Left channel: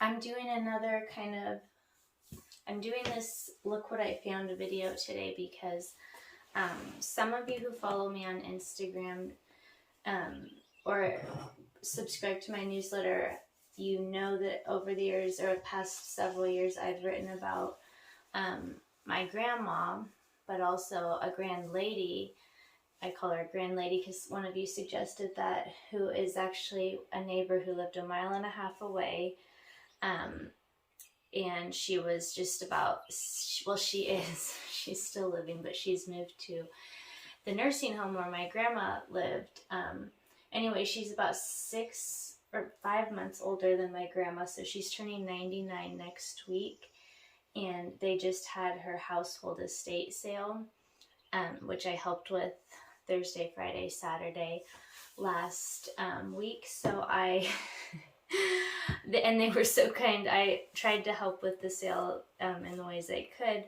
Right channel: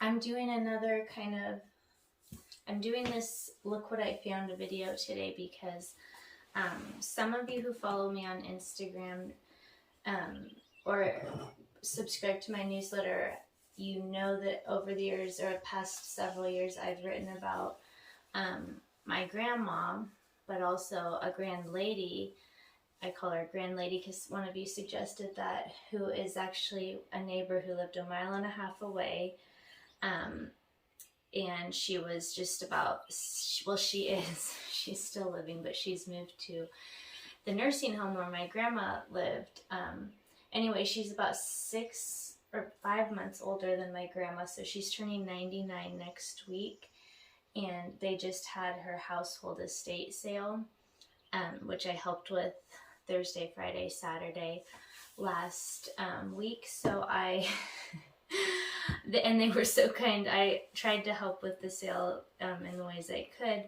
I'm doing another I'm doing this look what I found video today because some of you who follow me on Instagram or subscribe to my newsletter, you know that over the years or past several years I've written about my grandma, but also a grand lady. I call her a grand lady because one of you suggested that, who is actually a neighbor who lived a mile and a half away. And she was just about, well, she's still living, but she's moved to the nursing home where my grandma lived. Anyway, she's about 6 or 5 months older than my grandma, so she's turning 99 next week. And they just had her household estate sale, which I helped with Thursday, Friday, Saturday last week. So and they were so kind. I tried to help with the sale in the ways I could,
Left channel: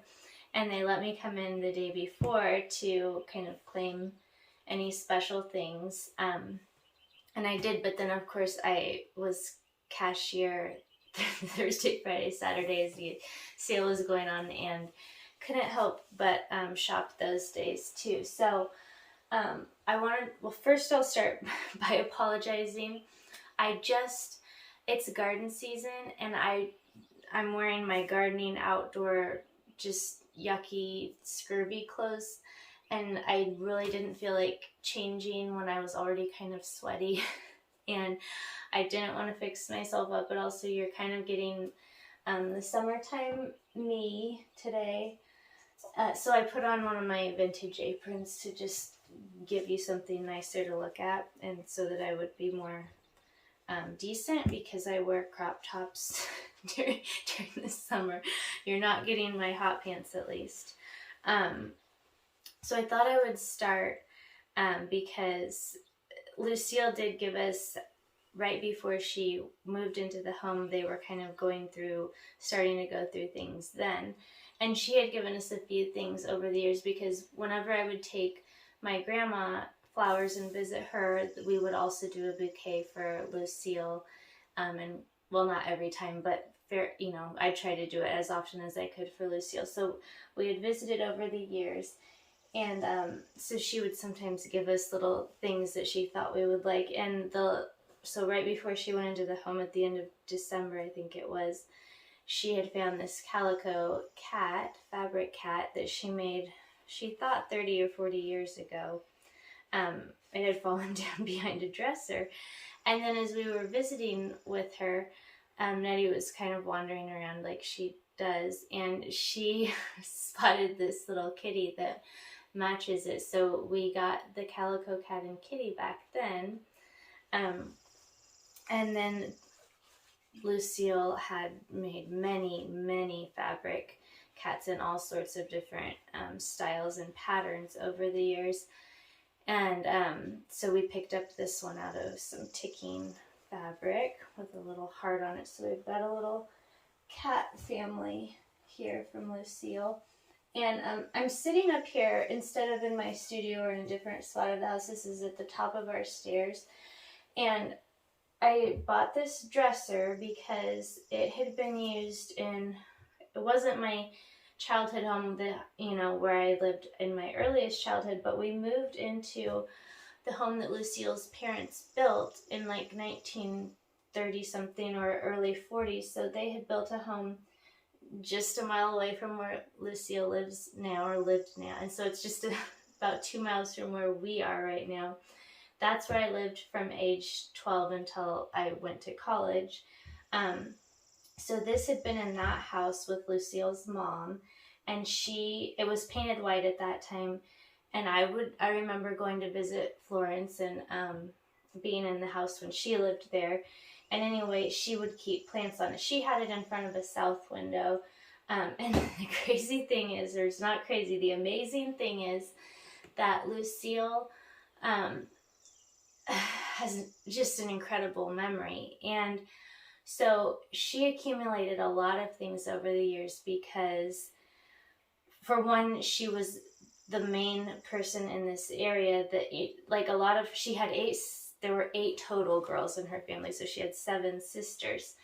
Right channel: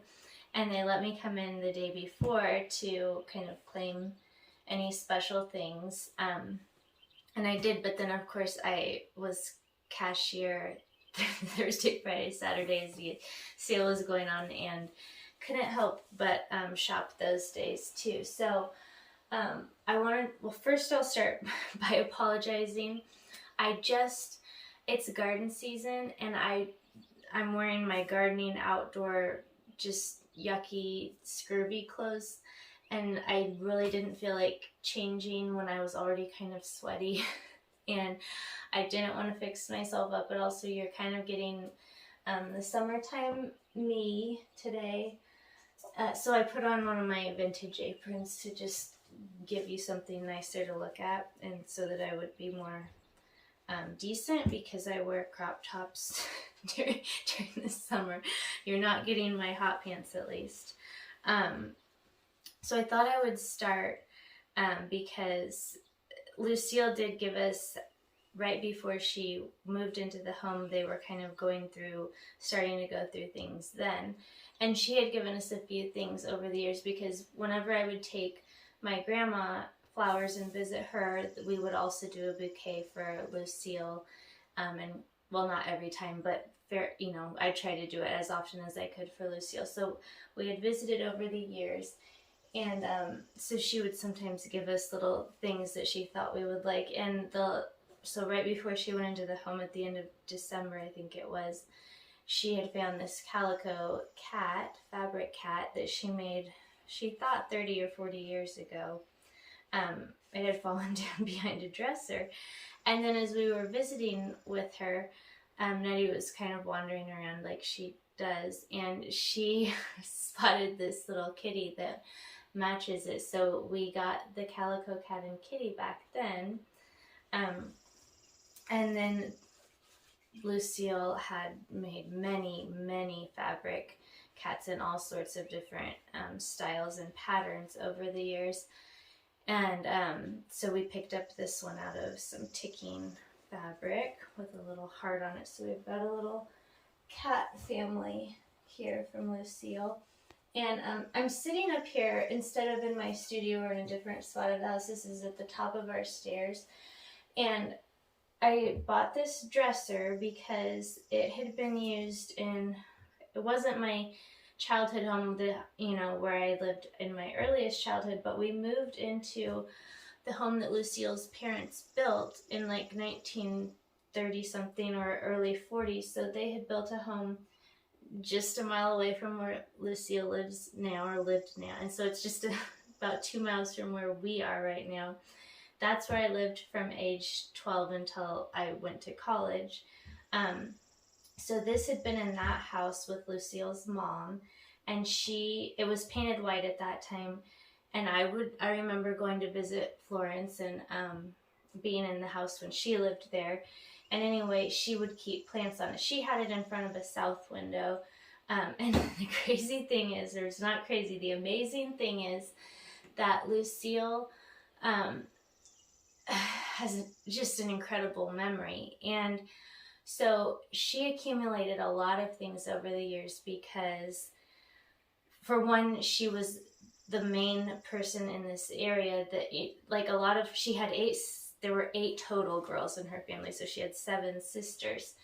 and they let me come in the day before to kind of claim any special things. And I did, but then of course I was cashier Thursday, Friday, Saturday as the sale was going on, and couldn't help but shop those days too. So first I'll start by apologizing. It's garden season, and I'm wearing my gardening outdoor, just yucky, scurvy clothes, and I really didn't feel like changing when I was already kind of sweaty, and I didn't want to fix myself up, but also you're kind of getting the summertime me today. So I put on one of my vintage aprons to just give you something nicer to look at, and so that I would be more decent, because I wear crop tops during the summer. You're not getting my hot pants, at least. So I thought I would start because Lucille did give us, right before she moved into the home, they were kind of starting to go through things then. And she had given us a few things over the years, because whenever I would take my grandma flowers and visit her, we would also do a bouquet for Lucille. And well, not every time, but I tried to do it as often as I could for Lucille. So we had visited over the years, and so she would sometimes give us little things that she thought we would like. And so right before she went into the home at the end of December, I think it was, she had found this calico fabric cat that she made, she thought 30 or 40 years ago. It had fallen down behind a dresser. And then as we were visiting with her, Nettie was kind of wandering around like she does, and she spotted this little kitty that matches it. So we got the calico cat and kitty back then. And then Lucille had made many, many fabric cats in all sorts of different styles and patterns over the years. And so we picked up this one out of some ticking fabric with a little heart on it. So we've got a little cat family here from Lucille. And I'm sitting up here instead of in my studio or in a different spot of the house. This is at the top of our stairs. And I bought this dresser because it had been used it wasn't my childhood home, where I lived in my earliest childhood, but we moved into the home that Lucille's parents built in like 1930 something or early 40s. So they had built a home just a mile away from where Lucille lived now. And so it's just about 2 miles from where we are right now. That's where I lived from age 12 until I went to college. So this had been in that house with Lucille's mom, and it was painted white at that time. And I remember going to visit Florence and being in the house when she lived there. And anyway, she would keep plants on it. She had it in front of a south window. And the crazy thing is, or it's not crazy, the amazing thing is that Lucille has just an incredible memory. And so she accumulated a lot of things over the years because, for one, she was the main person in this area that, she had there were 8 total girls in her family, so she had 7 sisters,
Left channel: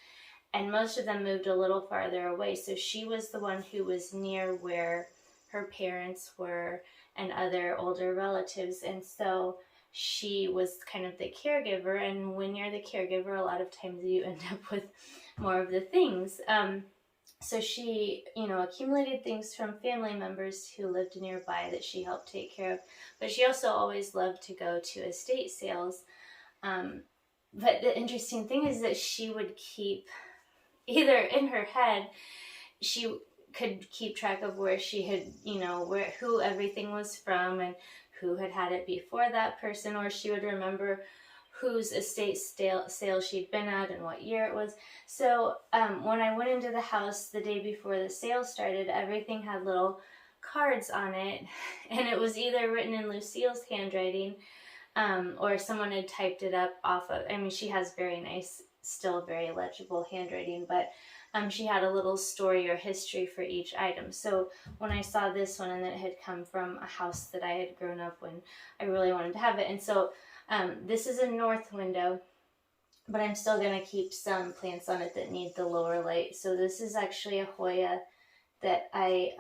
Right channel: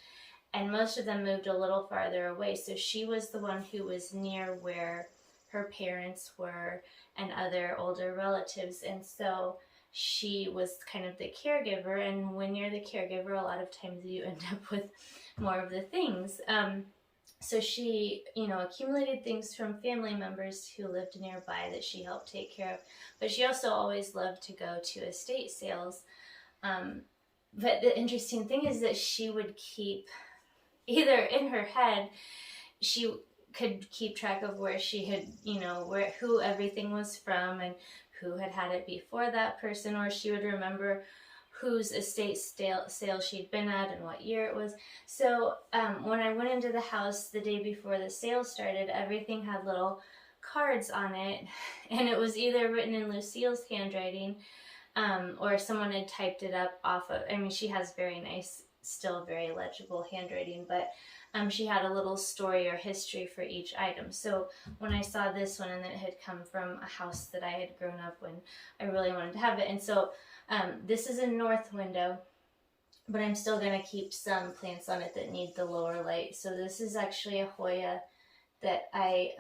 and most of them moved a little farther away. So she was the one who was near where her parents were and other older relatives, and so she was kind of the caregiver. And when you're the caregiver, a lot of times you end up with more of the things. So she, accumulated things from family members who lived nearby that she helped take care of. But she also always loved to go to estate sales. But the interesting thing is that she would keep, either in her head, she could keep track of where she had, who everything was from and who had had it before that person, or she would remember whose estate sale she'd been at and what year it was. So when I went into the house the day before the sale started, everything had little cards on it, and it was either written in Lucille's handwriting, or someone had typed it up off of, she has very nice, still very legible handwriting, but she had a little story or history for each item. So when I saw this one, and that it had come from a house that I had grown up in, I really wanted to have it. And so this is a north window, but I'm still going to keep some plants on it that need the lower light. So this is actually a Hoya that I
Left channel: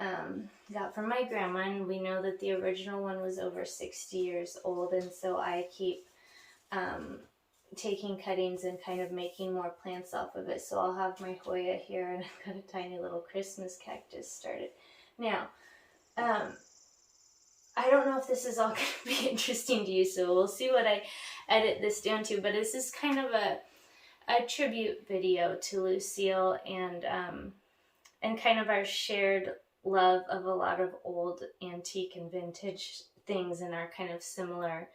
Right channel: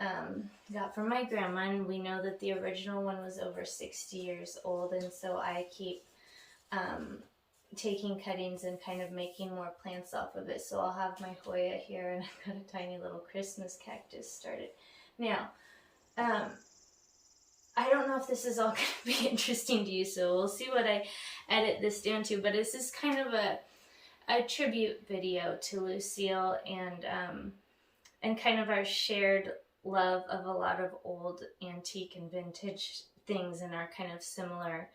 got from my grandma, and we know that the original one was over 60 years old, and so I keep taking cuttings and kind of making more plants off of it. So I'll have my Hoya here, and I've got a tiny little Christmas cactus started. Now, I don't know if this is all going to be interesting to you, so we'll see what I edit this down to, but this is kind of a tribute video to Lucille, and kind of our shared love of a lot of old antique and vintage things and our kind of similar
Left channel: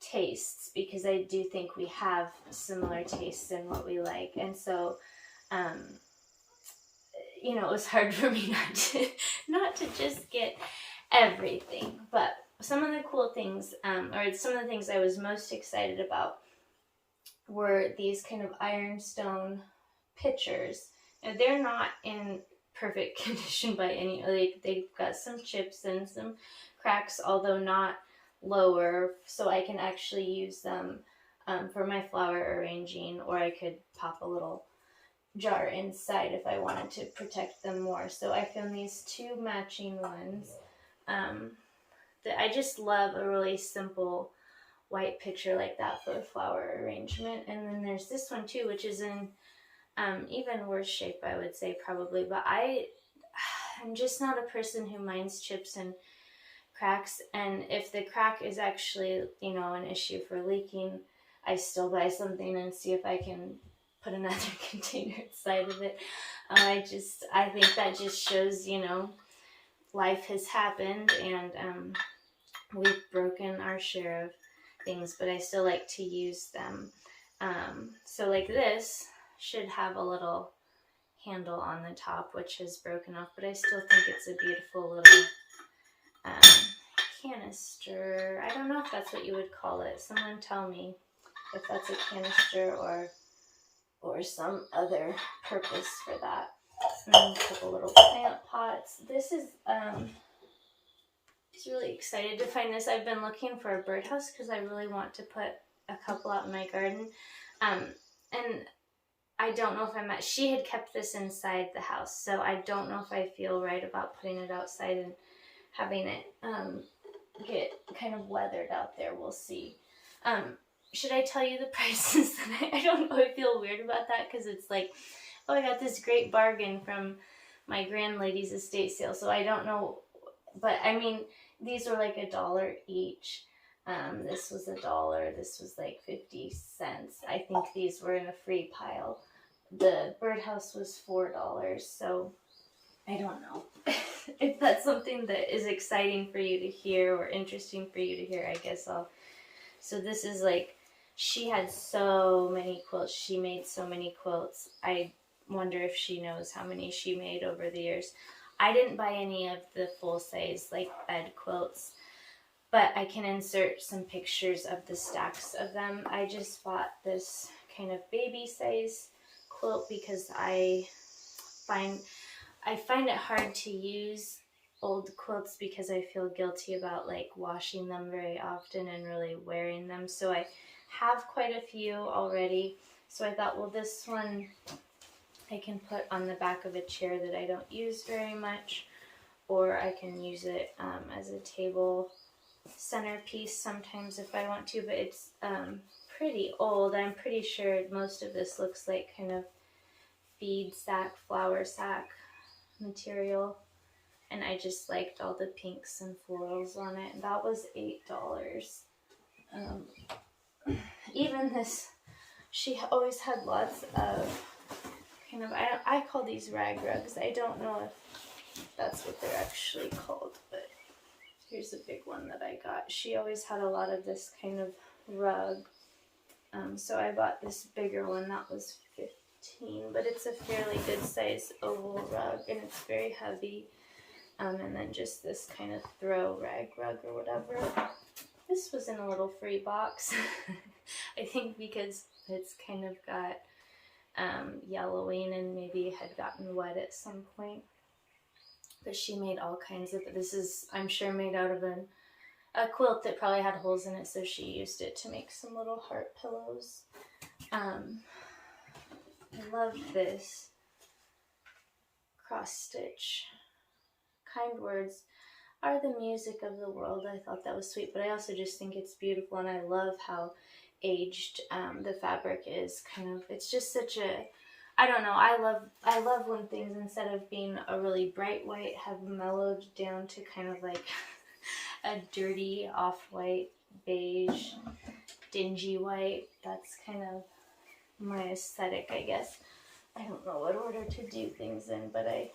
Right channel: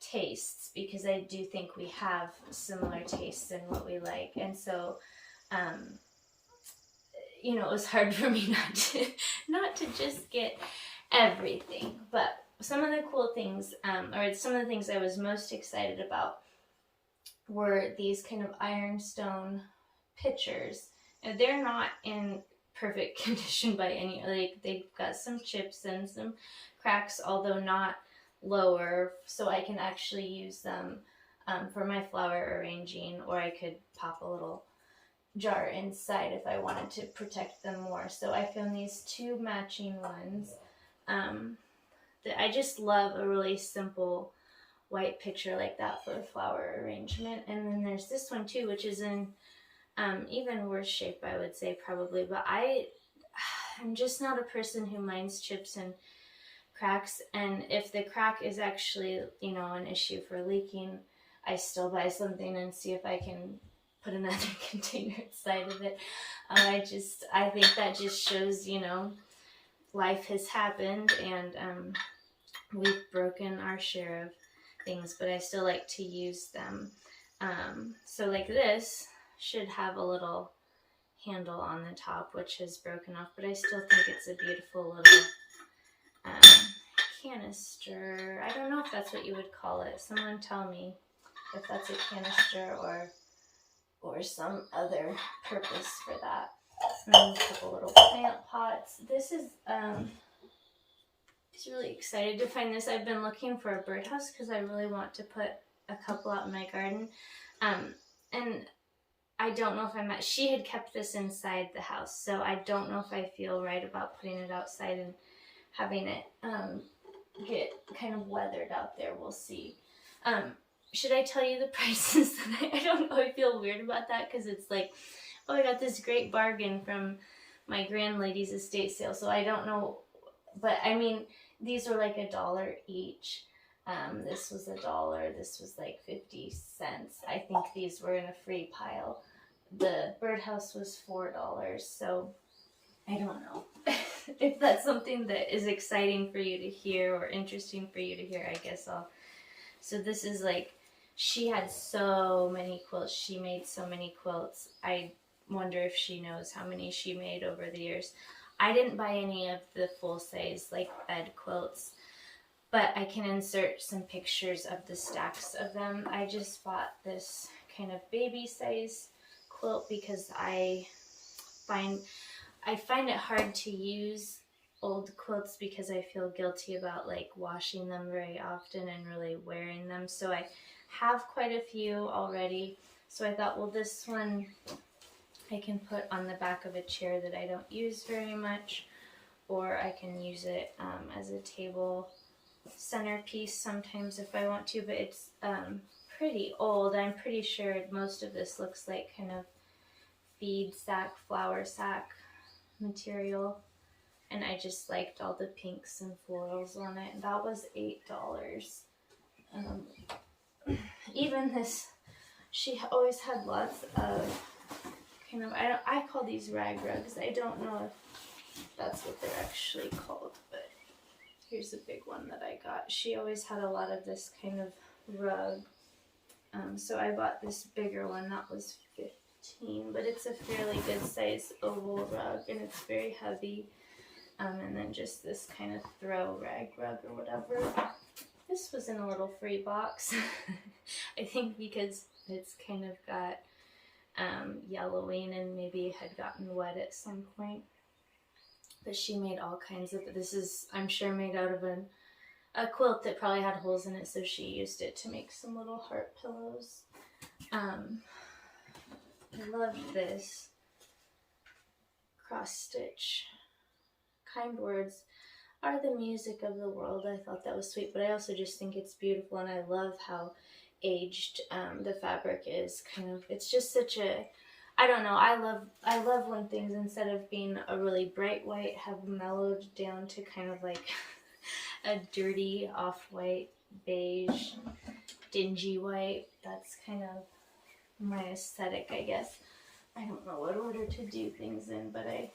tastes, because I do think we have similar tastes in what we like. And so it was hard for me not to just get everything, but some of the cool things, or some of the things I was most excited about, were these kind of ironstone pitchers. And they're not in perfect condition by any, they've got some chips and some cracks, although not lower, so I can actually use them for my flower arranging, or I could pop a little jar inside if I wanted to protect them more. So I found these 2 matching ones. That I just love a really simple white pitcher like that for a flower arrangement. And then there's this one too, which is in even worse shape, I would say, probably, but I'm just not a person who minds chips and cracks, and if the crack is actually, an issue for leaking, I still buy something and see if I can put another container inside of it. I think that just shows, life has happened, and we've broken our share of things, but I still like to use them. So like this should have a little handle on the top, which has broken off, but I still think it's a beautiful little canister. I don't know if that's what you would call it. Someone tell me if that's a canister or some other purpose for that. And then a couple little plant pots. This is I was really excited to find this. I've been looking for a birdhouse because I really want to put a couple out in my garden. And I don't know if she had kept this inside the house, so I don't know if I feel right about putting it outside and having it get kind of weathered out there. We'll see. Should I tell you the prices? I don't know. I feel weird about that because it's like, oh, I got this great bargain from my grandlady's estate sale, so I don't know. But these were like $1 each. This was $1. This was like 50 cents. I think these were in a free pile. The birdhouse was $4, so I don't know if that's something that is exciting for you to hear or interesting for you to hear. I guess so this is like, she had so many quilts. She made so many quilts. I wonder if she knows how many she made over the years. I didn't buy any of the full size like bed quilts, but I can insert some pictures of the stacks of them. I just bought this kind of baby size quilt because I find it hard to use old quilts because I feel guilty about like washing them very often and really wearing them. So have quite a few already. So I thought, well, this one I can put on the back of a chair that I don't use very much, or I can use it as a table centerpiece sometimes if I want to, but it's pretty old. I'm pretty sure most of this looks like kind of bead sack, flower sack material, and I just liked all the pinks and florals on it. That was $8. Even this, she always had lots of kind of, I call these rag rugs. I don't know if that's what they're actually called, but here's a big one that I got. She always had a lot of this kind of rug. So I bought this bigger one. That was $15, but it's a fairly good size oval rug, and it's very heavy. And then just this kind of throw rag rug or whatever. This was in a little free box. I think because it's kind of got yellowing and maybe had gotten wet at some point. But she made all kinds of, this is, I'm sure, made out of a quilt that probably had holes in it, so she used it to make some little heart pillows. I love this cross stitch. Kind words are the music of the world. I thought that was sweet, but I also just think it's beautiful, and I love how aged the fabric is. Kind of, it's just such a, I don't know, I love when things, instead of being a really bright white, have mellowed down to kind of like a dirty off-white, beige, dingy white. That's kind of my aesthetic, I guess. I don't know what order to do things in, but I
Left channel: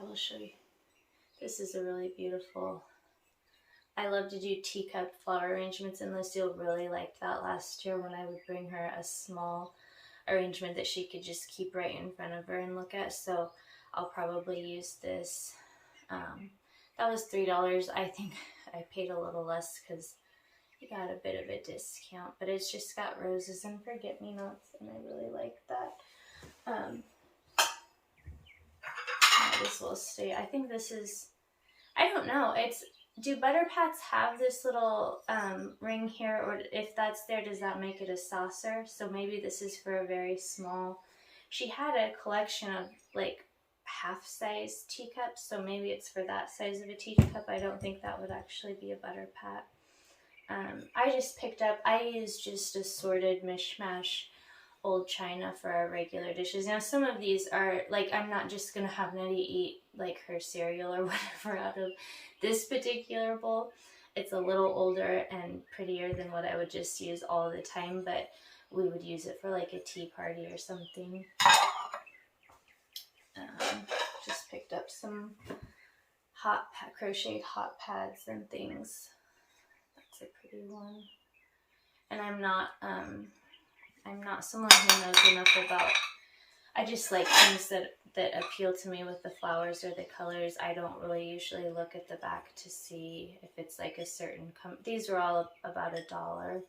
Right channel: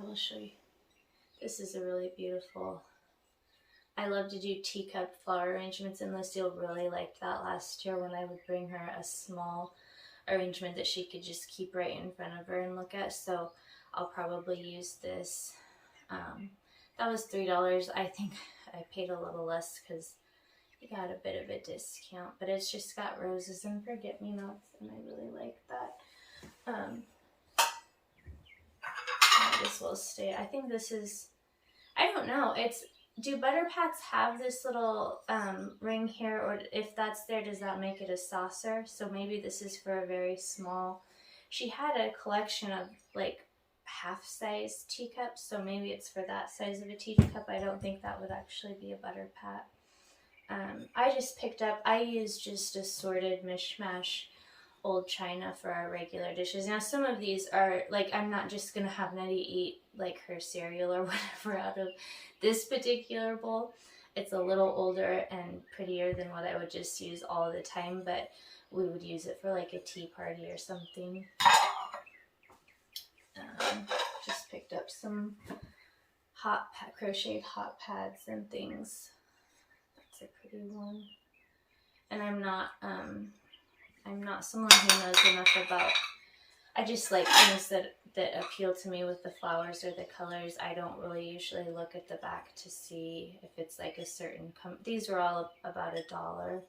will show you. This is a really beautiful, I love to do teacup flower arrangements, and Lucille really liked that last year when I would bring her a small arrangement that she could just keep right in front of her and look at. So I'll probably use this. That was $3. I think I paid a little less because I got a bit of a discount, but it's just got roses and forget-me-nots, and I really like that. Might as well stay. I think this is, I don't know, it's, do butter pats have this little ring here, or if that's there, does that make it a saucer? So maybe this is for a very small, she had a collection of like half-size teacups, so maybe it's for that size of a teacup. I don't think that would actually be a butter pat. I just picked up, I used just assorted mishmash old china for our regular dishes. Now some of these are like, I'm not just gonna have Nettie eat like her cereal or whatever out of this particular bowl. It's a little older and prettier than what I would just use all the time, but we would use it for like a tea party or something. Just picked up some crocheted hot pads and things. That's a pretty one. And I'm not someone who knows enough about, I just like things that appeal to me with the flowers or the colors. I don't really usually look at the back to see if it's like a certain, these are all about $1.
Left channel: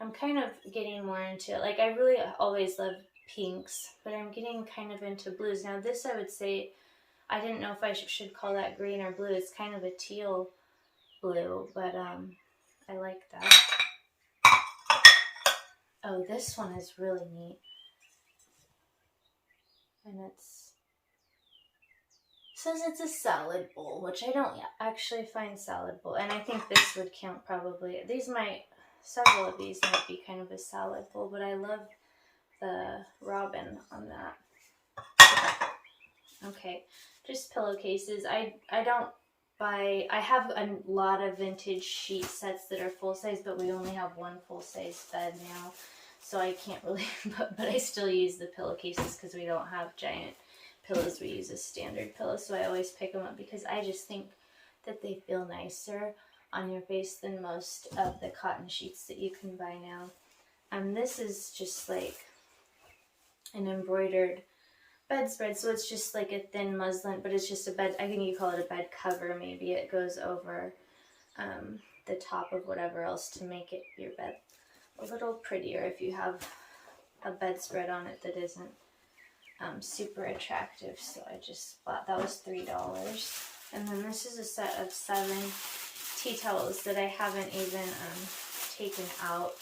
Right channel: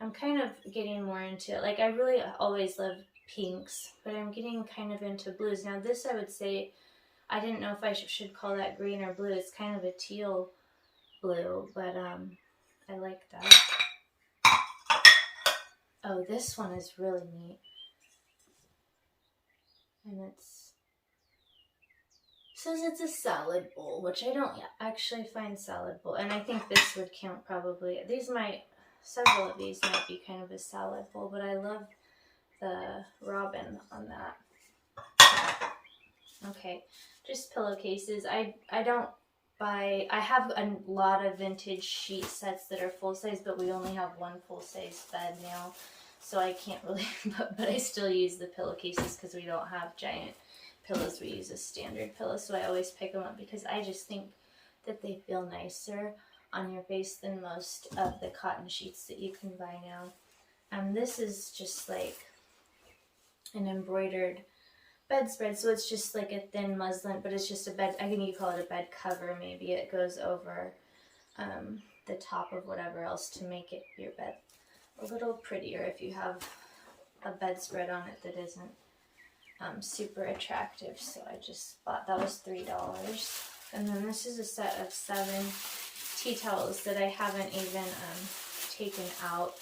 I'm kind of getting more into, like, I really always love pinks, but I'm getting kind of into blues. Now this, I would say, I didn't know if I should call that green or blue. It's kind of a teal blue, but I like that. Oh, this one is really neat. And it says it's a salad bowl, which I don't actually find salad bowl. And I think this would count probably. Several of these might be kind of a salad bowl, but I love the robin on that. Okay, just pillowcases. I have a lot of vintage sheet sets that are full size, but we only have one full size bed now, so I can't really, but I still use the pillowcases because we don't have giant pillows. We use a standard pillow, so I always pick them up because I just think that they feel nicer on your face than most of the cotton sheets that you can buy now. This is just like an embroidered bedspread, so it's just like a thin muslin, but it's just a bed, I think you call it a bed cover maybe. It goes over the top of whatever else to make it your bed a little prettier if you have a bedspread on it that isn't super attractive. So I just bought, that was $3. And then this is a set of 7 tea towels that I haven't even taken out.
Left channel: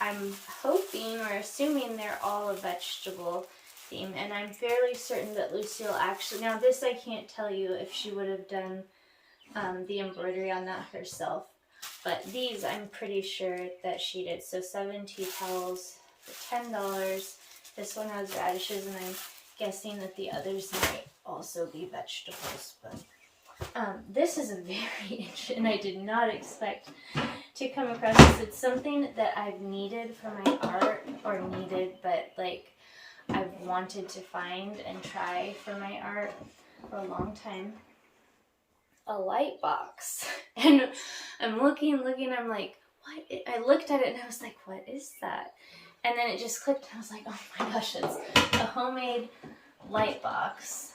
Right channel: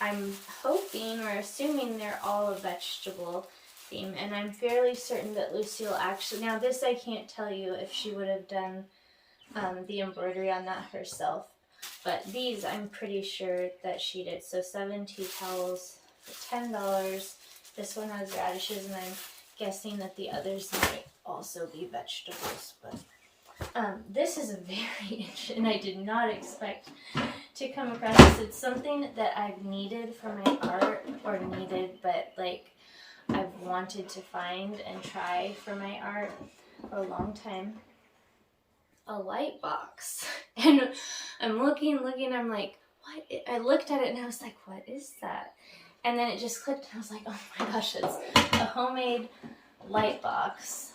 I'm hoping or assuming they're all a vegetable theme, and I'm fairly certain that Lucille actually, now this I can't tell you if she would have done the embroidery on that herself, but these I'm pretty sure that she did. So 7 tea towels for $10. This one has radishes, and I'm guessing that the others might also be vegetables, but this is a very interesting, and I did not expect to come across this. It's something that I've needed for my art, or needed, but like I've wanted to find and try for my art for a long time. A light box. And I'm looking, I'm like, what? I looked at it and I was like, what is that? And then it just clicked and I was like, oh my gosh, it's a homemade light box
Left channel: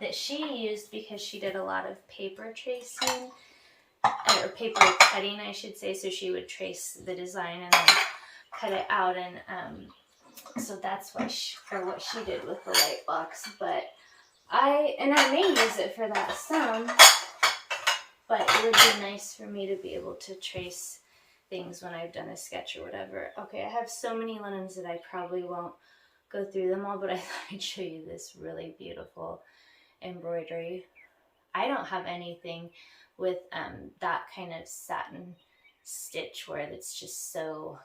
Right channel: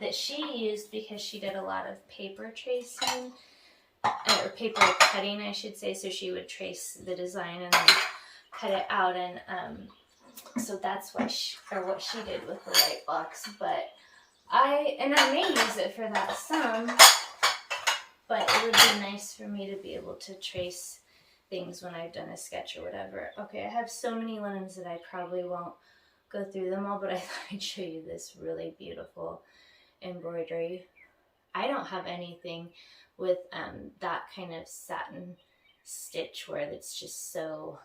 that she used because she did a lot of paper tracing, or paper cutting, I should say. So she would trace the design and then cut it out, and so that's why what she did with the light box. But I may use it for that some, but it would be nice for me to be able to trace things when I've done a sketch or whatever. Okay, I have so many linens that I probably won't go through them all, but I thought I'd show you this really beautiful embroidery. I don't have anything with that kind of satin stitch where it's just so,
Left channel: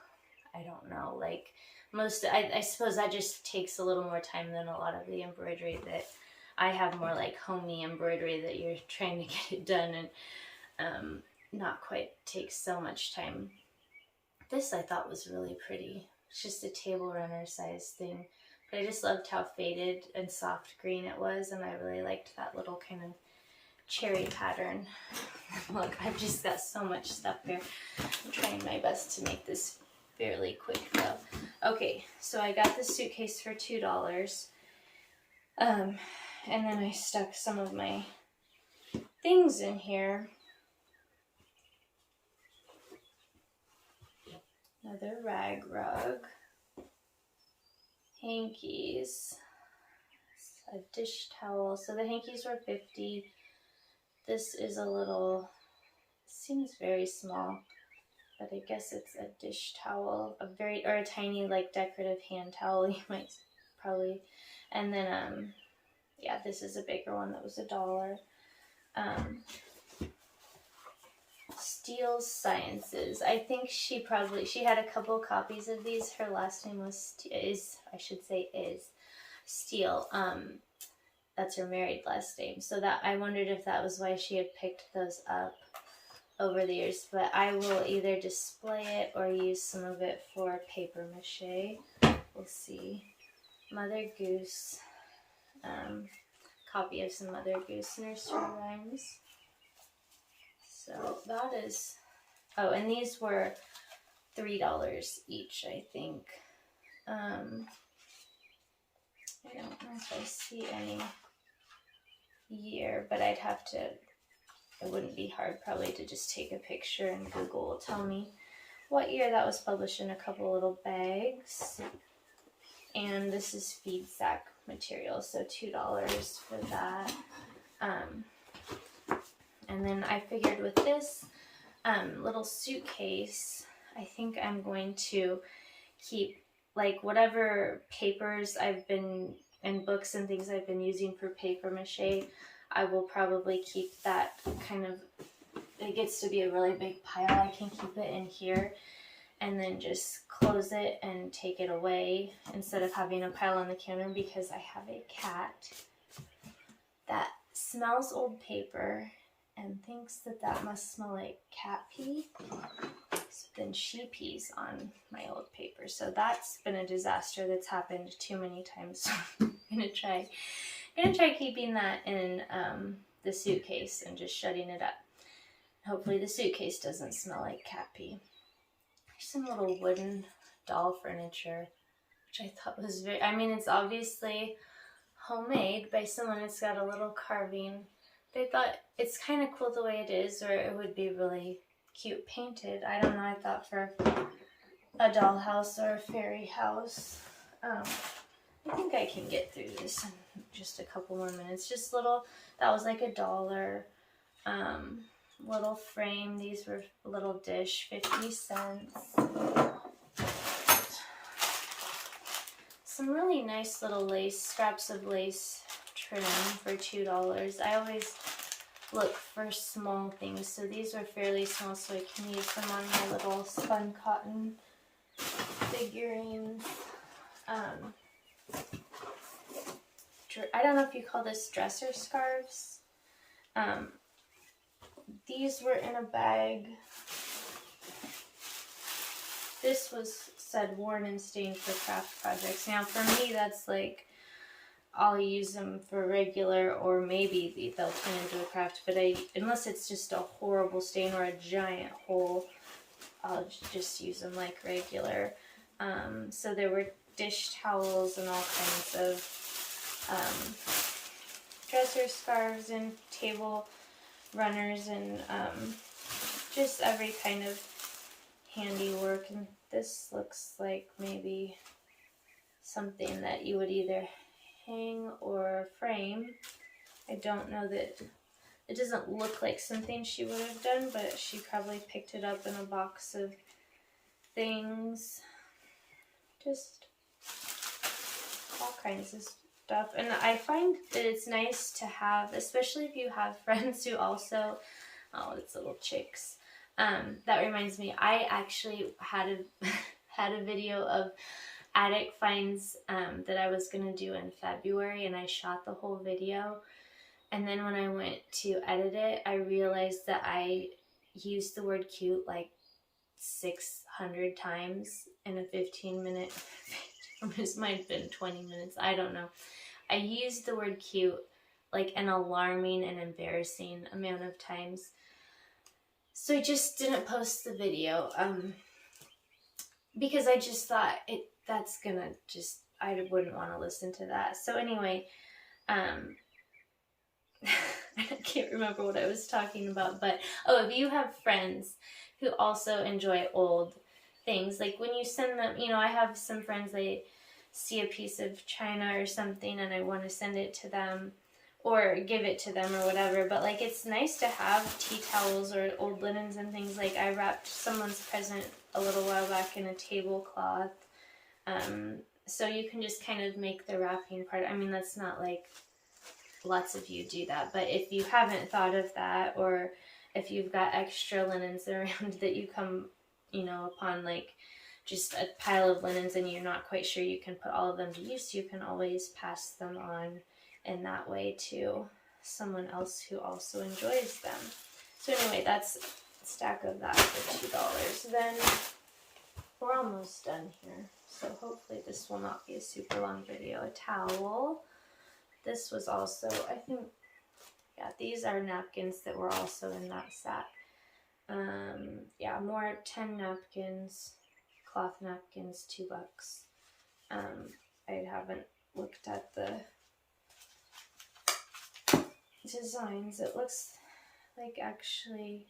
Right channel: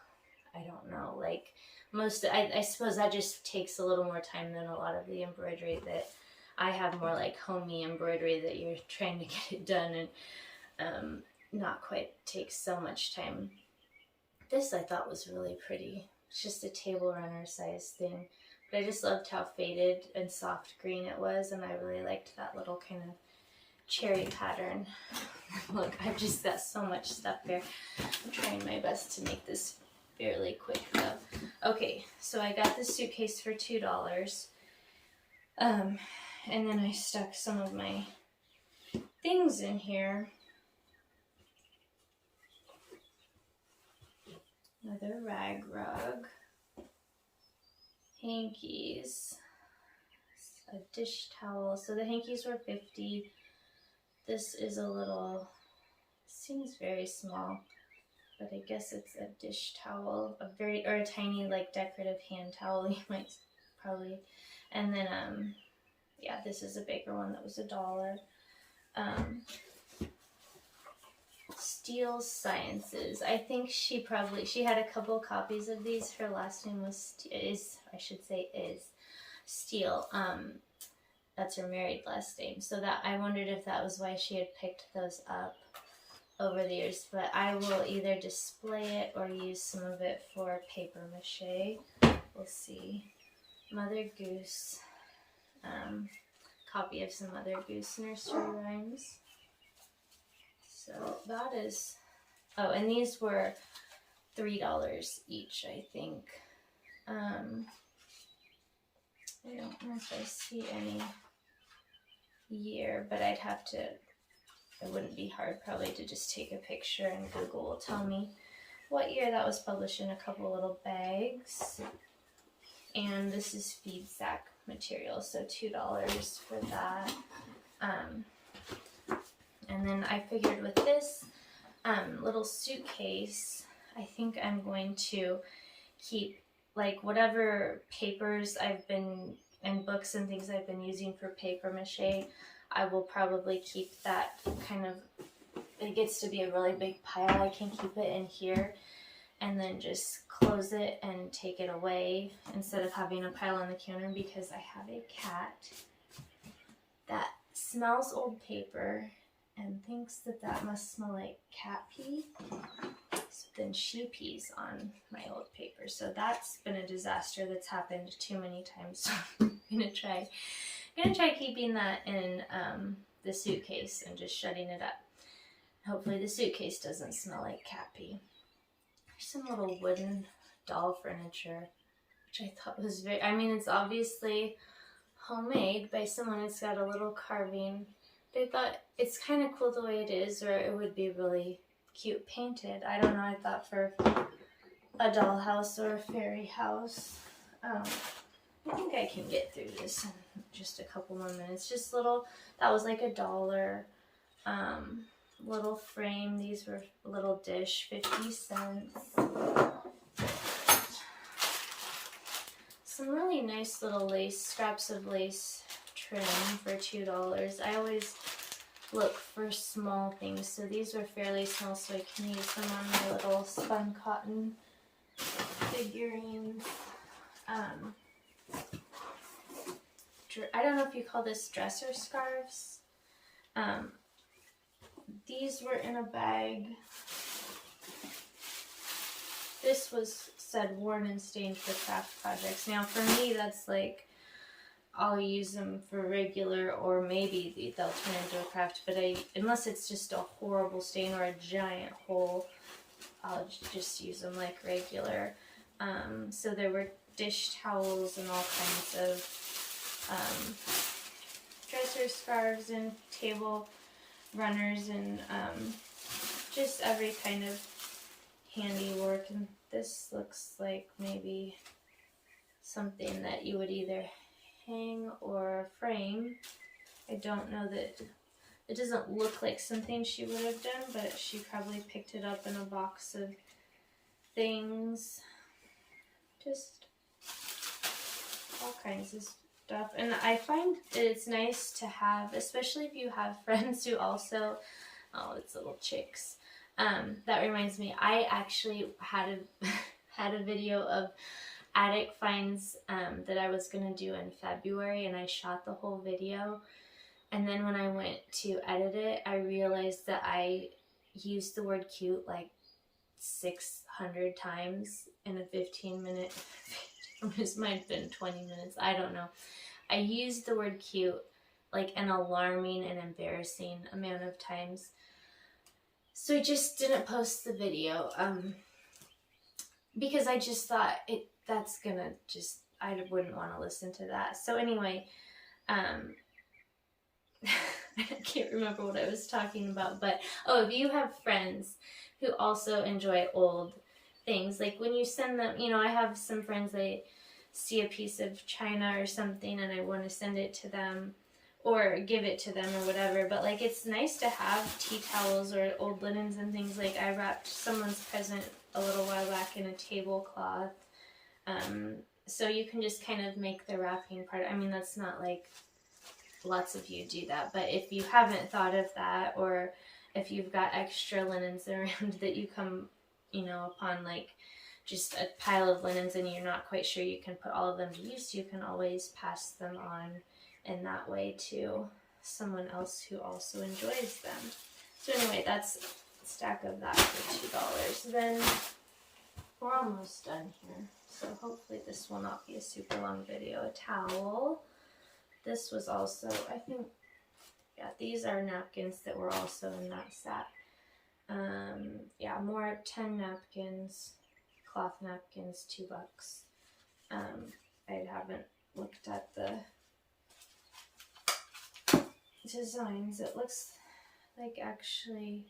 I don't know, like I suppose that just takes a little more time than a lot of the embroidery that I have, more like homey embroidery that you're trying to get it done and not quite takes so much time. This I thought was really pretty. It's just a table runner size thing, but I just loved how faded and soft green it was, and I really liked that little kind of cherry pattern. Look, I've just got so much stuff here. I'm trying my best to make this fairly quick though. Okay, so I got this suitcase for $2. And then I stuck some of my things in here. Another rag rug, hankies, a dish towel. So the hankies were $50. This is a little, seems very small, but I guess it's a dish towel, or a tiny like decorative hand towel, you might probably. And then yeah, this is a bigger one that was $1. Steel Sciences. I think she had a couple copies of these. Her last name is Steele. That's her married last name. So that, I wondered if that was why she had picked those up over the years. But I will either display it or use some of it for paper mache. We'll see. Mother Goose. Copy of some Mother Goose nursery rhymes. So that is, oh, and these were $3 each, I think. I don't know if I see any year, but I'd have to, it wouldn't be hard probably to just take a picture and Google will tell me what year that was published in a couple little bags. And this is feed sack material, so $2 for that. And then I figured with this little suitcase, I think I'm going to keep like whatever papers and books and things I've been using for paper mache. I will probably keep that kind of, it gets to be a really big pile. I can keep it in here and then just close it and take it away instead of having a pile on the counter, because I have a cat that smells old paper and thinks that that must smell like cat pee. So then she pees on my old paper. So that's been a disaster that's happened too many times. So I'm gonna try keeping that in the suitcase and just shutting it up. Hopefully the suitcase doesn't smell like cat pee. There's some little wooden doll furniture, which I thought was very, I mean, it's obviously homemade by someone. It's got a little carving. They thought it's kind of cool the way it is, or it would be really cute painted. I don't know, I thought for a dollhouse or a fairy house. I think I can get through this in just a couple more minutes. Just little, that was like $1. little frame. These were a little dish, 50 cents. Some really nice little lace, scraps of lace trim for $2. I always look for small things, so these were fairly small, so I can use them on my little spun cotton figurines. I don't know if you call this dresser scarves. These were in a bag. This was said worn and stained for craft projects. Now for me, that's like, I'll use them for regular, or maybe they'll turn into a craft, but unless it's just a horrible stain or a giant hole, I'll just use them like regular. So there were dish towels and all kinds of dresser scarves and table runners and just every kind of handiwork. And this looks like maybe something that you would either hang or frame. I don't know, that it doesn't look like something she would have done, but she probably picked it up in a box of things. Just all kinds of stuff. And I find that it's nice to have, especially if you have friends who also, oh, it's little chicks. That reminds me, I actually had a video of attic finds that I was going to do in February, and I shot the whole video. And then when I went to edit it, I realized that I used the word cute like 600 times in a 15-minute, this might have been 20 minutes, I don't know. I used the word cute like an alarming and embarrassing amount of times. So I just didn't post the video because I just thought that's gonna just, I wouldn't want to listen to that. So anyway, I can't remember what I was talking about, but oh, if you have friends who also enjoy old things, like when you send them, you know, I have some friends, they see a piece of china or something and I want to send it to them or give it to them or whatever, but like it's nice to have tea towels or old linens and things. Like I wrapped someone's present a little while back in a tablecloth. So you can just kind of make the wrapping part. I mean, that's not like lots of you do that, but if you haven't thought of that, or if you've got extra linens around that you come, you know, upon like just a pile of linens and you're not quite sure you can put all of them to use, you can always pass them on in that way to someone else who also enjoys them. So anyway, that's a stack of that for $2. Then we're almost done here, so hopefully this will not be a super long video. A towel. This was also, I think, yeah, these are napkins that were also in that set. Yeah, more 10 napkins, cloth napkins, $2. I haven't looked at the designs. It looks like, actually,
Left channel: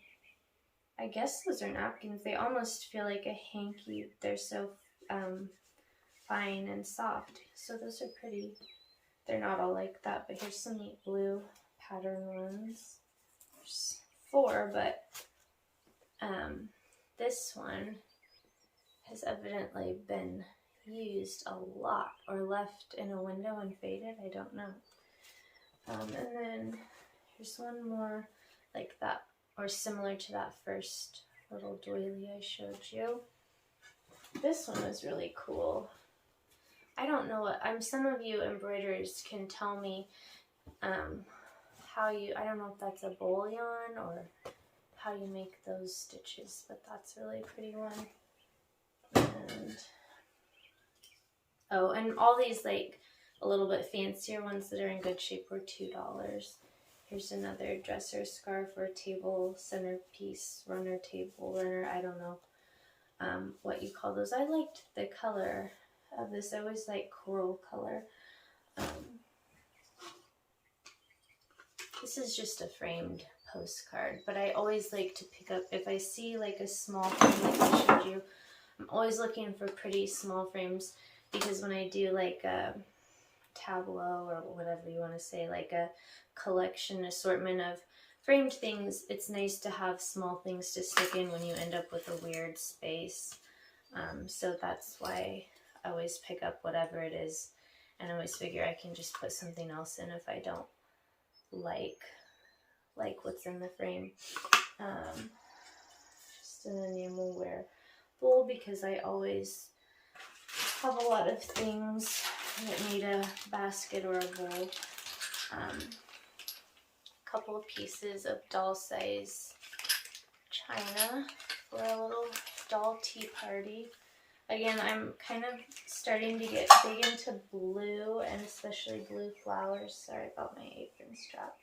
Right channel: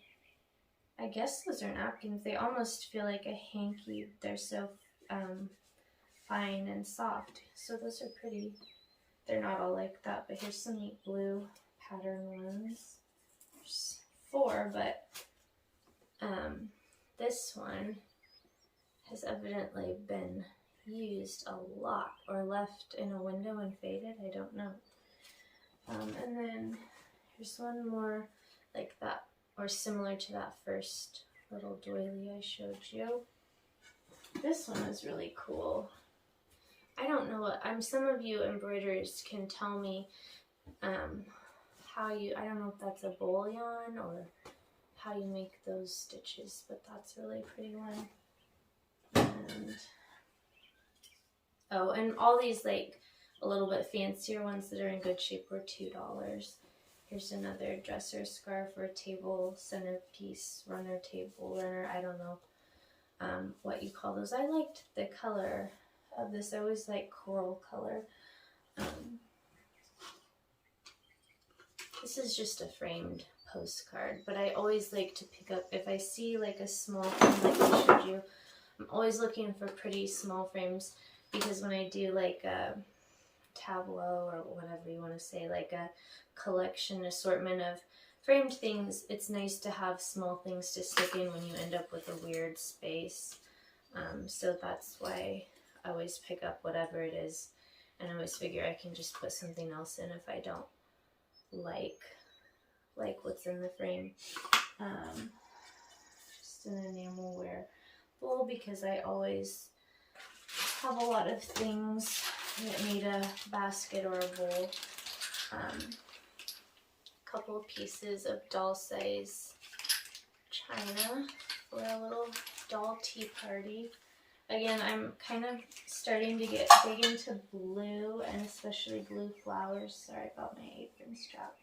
I guess those are napkins. They almost feel like a hanky. They're so fine and soft. So those are pretty. They're not all like that, but here's some neat blue pattern ones. There's 4, but this one has evidently been used a lot or left in a window and faded. I don't know. And then here's one more like that, or similar to that first little doily I showed you. This one is really cool. I don't know what, some of you embroiderers can tell me how you, I don't know if that's a bullion or how you make those stitches, but that's a really pretty one. And oh, and all these like a little bit fancier ones that are in good shape were $2. Here's another dresser scarf or table centerpiece, runner, table runner, I don't know what you call those. I liked the color of this. I always like coral color. This is just a framed postcard, but I always like to pick up, if I see like a small frame like I showed you, I'm always looking for pretty small frames, because when I do like a tableau or whatever you want to say, like a collection assortment of framed things, it's nice to have small things to stick in when you end up with a weird space. So that's why I always pick up whatever it is, and I always figure I can just put something else in if I don't like what's in the frame. Just an enamelware bowl, because I always have a lot of things that need a basket or a bowl. Couple of pieces of doll size china for a little doll tea party. Again, I'm kind of starting to get big into blue, and especially blue flowers. Sorry about my apron strap.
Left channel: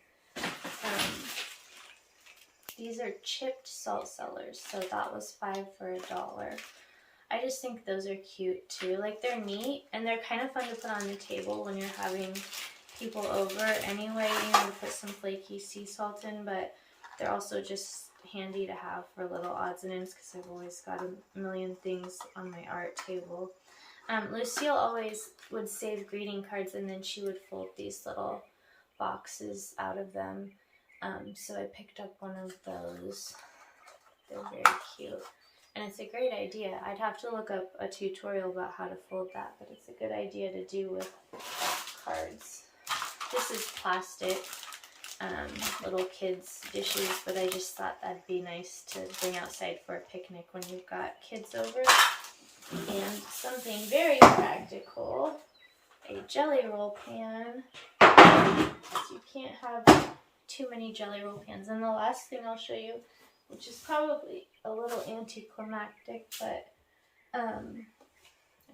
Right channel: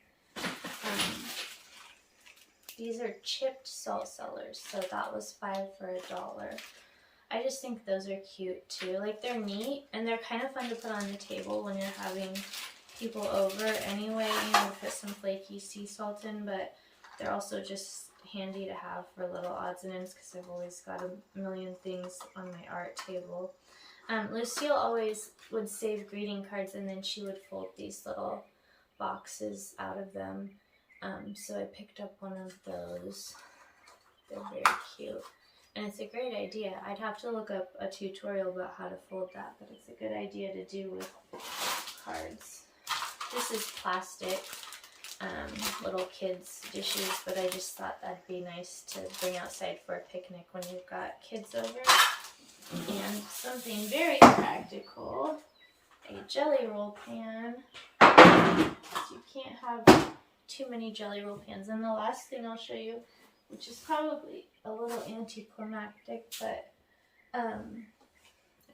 These are chipped salt cellars, so that was $5 for $1. I just think those are cute too. Like, they're neat, and they're kind of fun to put on the table when you're having people over anyway. You know, to put some flaky sea salt in, but they're also just handy to have for little odds and ends, because I've always got a million things on my art table. Lucille always would save greeting cards, and then she would fold these little boxes out of them. So I picked up one of those. They're very cute, and it's a great idea. I'd have to look up a tutorial about how to fold that, but it's a good idea to do with cards. This is plastic, little kids' dishes, but I just thought that'd be nice to bring outside for a picnic when you've got kids over. And something very practical, a jelly roll pan. You can't have too many jelly roll pans. And the last thing I'll show you, which is probably a little anticlimactic, but I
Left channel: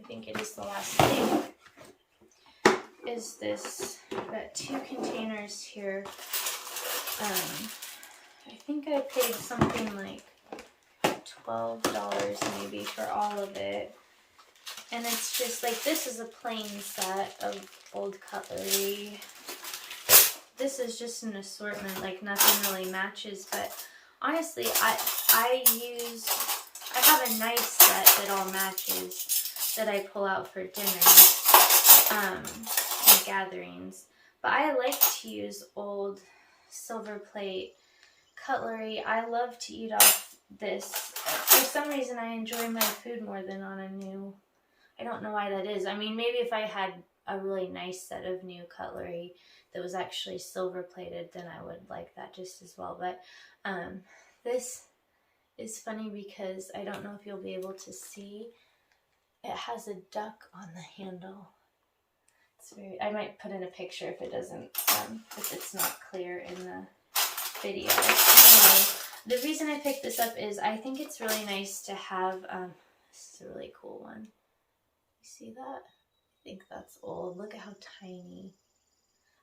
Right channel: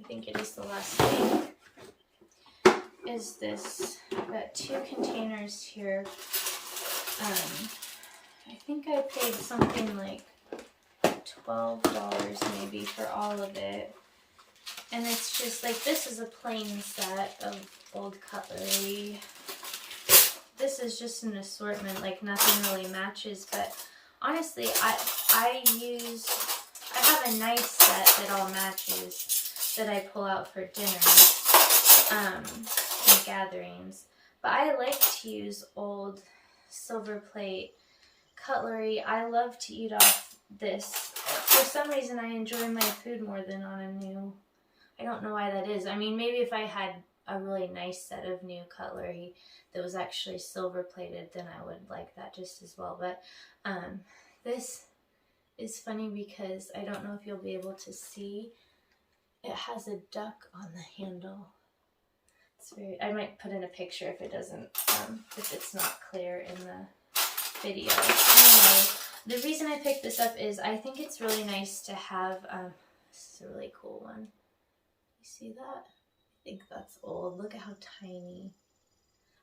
think it is the last thing, is this. I've got 2 containers here. I think I paid something like $12 maybe for all of it. And it's just like, this is a plain set of old cutlery. This is just an assortment, like nothing really matches, but honestly, I have a nice set that all matches that I pull out for dinner and gatherings. But I like to use old silver plate cutlery. I love to eat off this. For some reason, I enjoy my food more than on a new. I don't know why that is. I mean, maybe if I had a really nice set of new cutlery that was actually silver plated, then I would like that just as well. But this is funny because I don't know if you'll be able to see. It has a duck on the handle. It's very. I might put in a picture if it doesn't, if it's not clear in the video. Anyway, the reason I picked this up is I think it's really nice to have. This is a really cool one. You see that? I think that's old. Look at how tiny.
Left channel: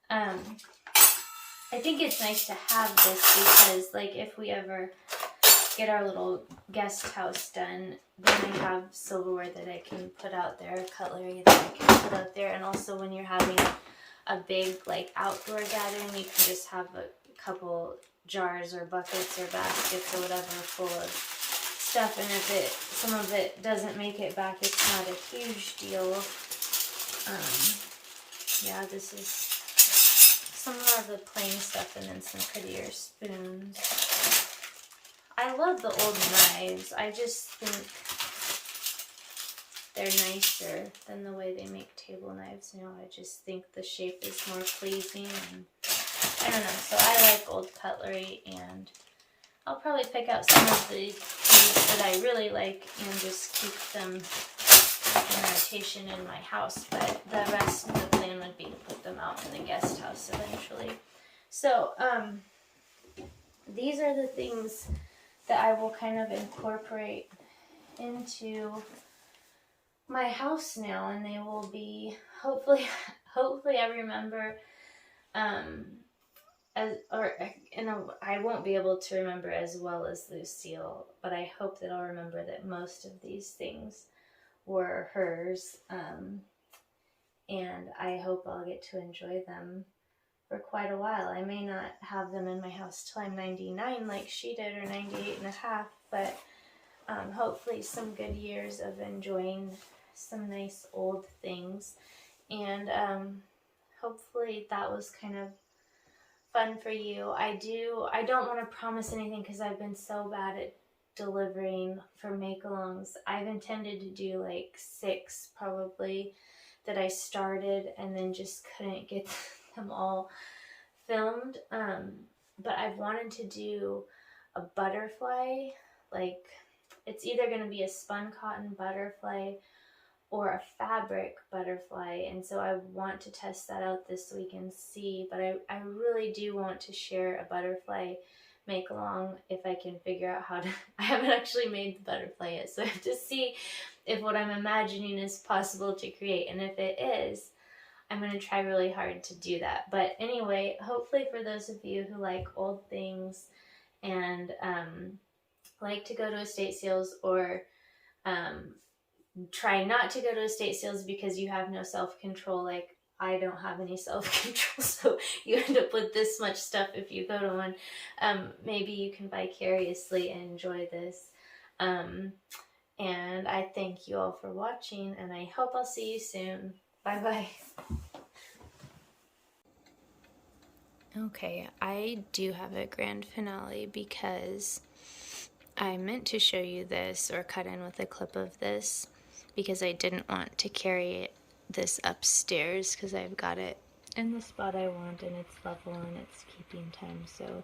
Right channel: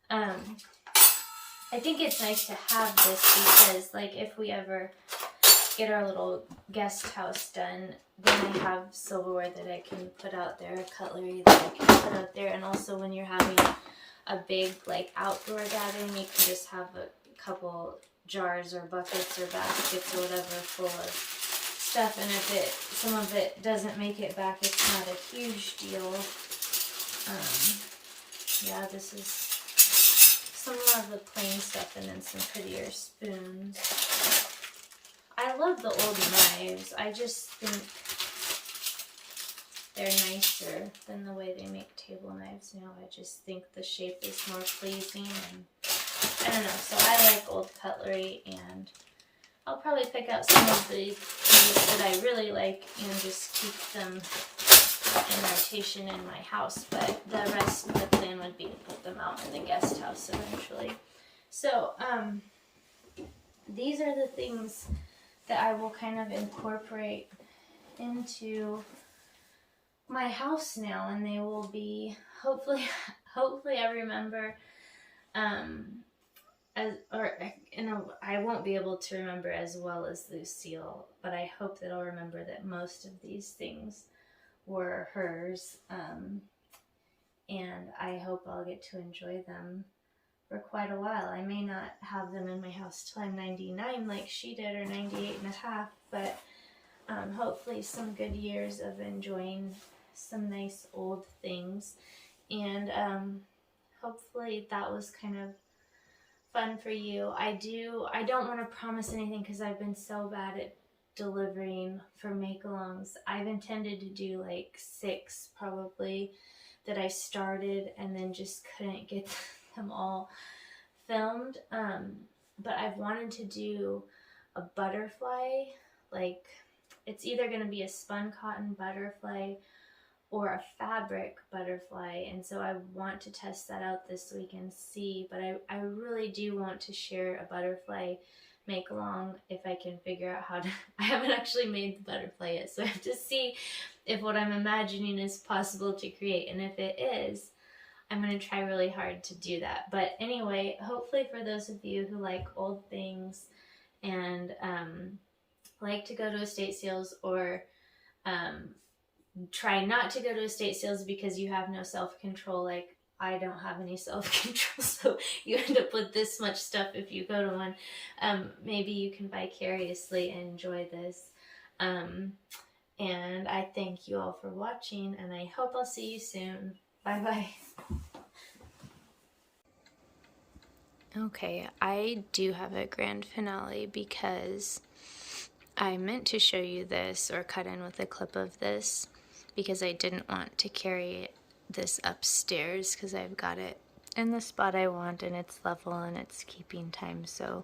I think it's nice to have this because, like, if we ever get our little guest house done, then I have silverware that I can put out there, cutlery that I can put out there, and also when you're having a big, like, outdoor gathering, you can just have a couple jars or buckets or baskets or whatever full of stuff, and if some of it doesn't make it back, it's not a huge deal. Yeah, this is some more of the plain stuff, and then some prettier spoons. I love the old knives. I just think they're nicer than the way they make table knives. You know, I just think the shape is more pleasing, and I don't know. So I like old cutlery, and I'll probably pick out some of the things that I really like and just keep them in rotation in my house. But the rest, the plan would be to put them out in the guest house eventually. So these are the things that I will kind of incorporate into my house now, and they will be hopefully I remember I won't be able to remember as well as Lucille, but I hope that I'll remember that most of these things were hers, and I hope I'll get to enjoy them for quite a while. I may not have them in my house till I'm 99 like she did, or 98 and a half, but hopefully some good years of enjoying some nice old things. And hopefully that was kind of fun for you. I don't want to promise anything because I've been so bad at delivering for make-alongs. I've intended to do like 6 probably that I started and then just couldn't get them all filmed. But I've wanted to do a butterfly, like it's either going to be a spun cotton butterfly or a fabric butterfly, and so I want to test that out this week and see, but I really do want to share a butterfly make along if I can figure out how to. I haven't actually made the butterfly yet, so I have to see if what I'm imagining is possible to create, and if it is, I'm going to try really hard to do that. But anyway, hopefully for those of you who like old things and like to go to estate sales, or try not to go to estate sales because you have no self-control, like I don't have any self-control, so you end up with this much stuff if you go to one. Maybe you can vicariously enjoy this. And I thank you all for watching, and I hope I'll see you soon. Bye-bye. Okay, I do have a grand finale because I meant to show you this or cut in with a clip of this because I didn't want to carry this upstairs because I've got it in the spot I want and it's level and it's keeping time, so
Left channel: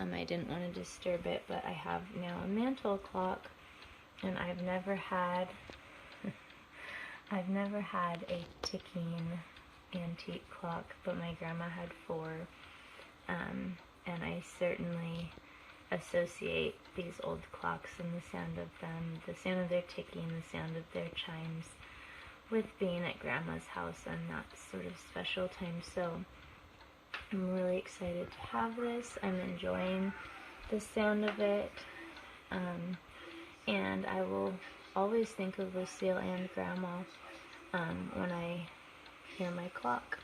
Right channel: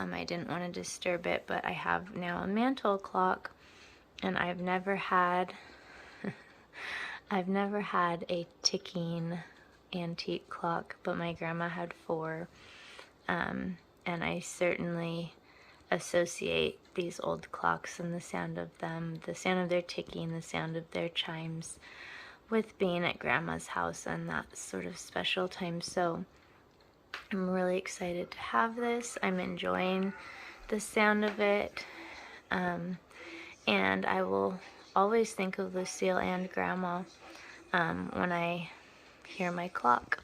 I didn't want to disturb it. But I have now a mantle clock, and I've never had a ticking antique clock, but my grandma had 4, and I certainly associate these old clocks and the sound of them, the sound of their ticking, the sound of their chimes, with being at Grandma's house and that sort of special time. So I'm really excited to have this. I'm enjoying the sound of it, and I will always think of Lucille and Grandma when I hear my clock.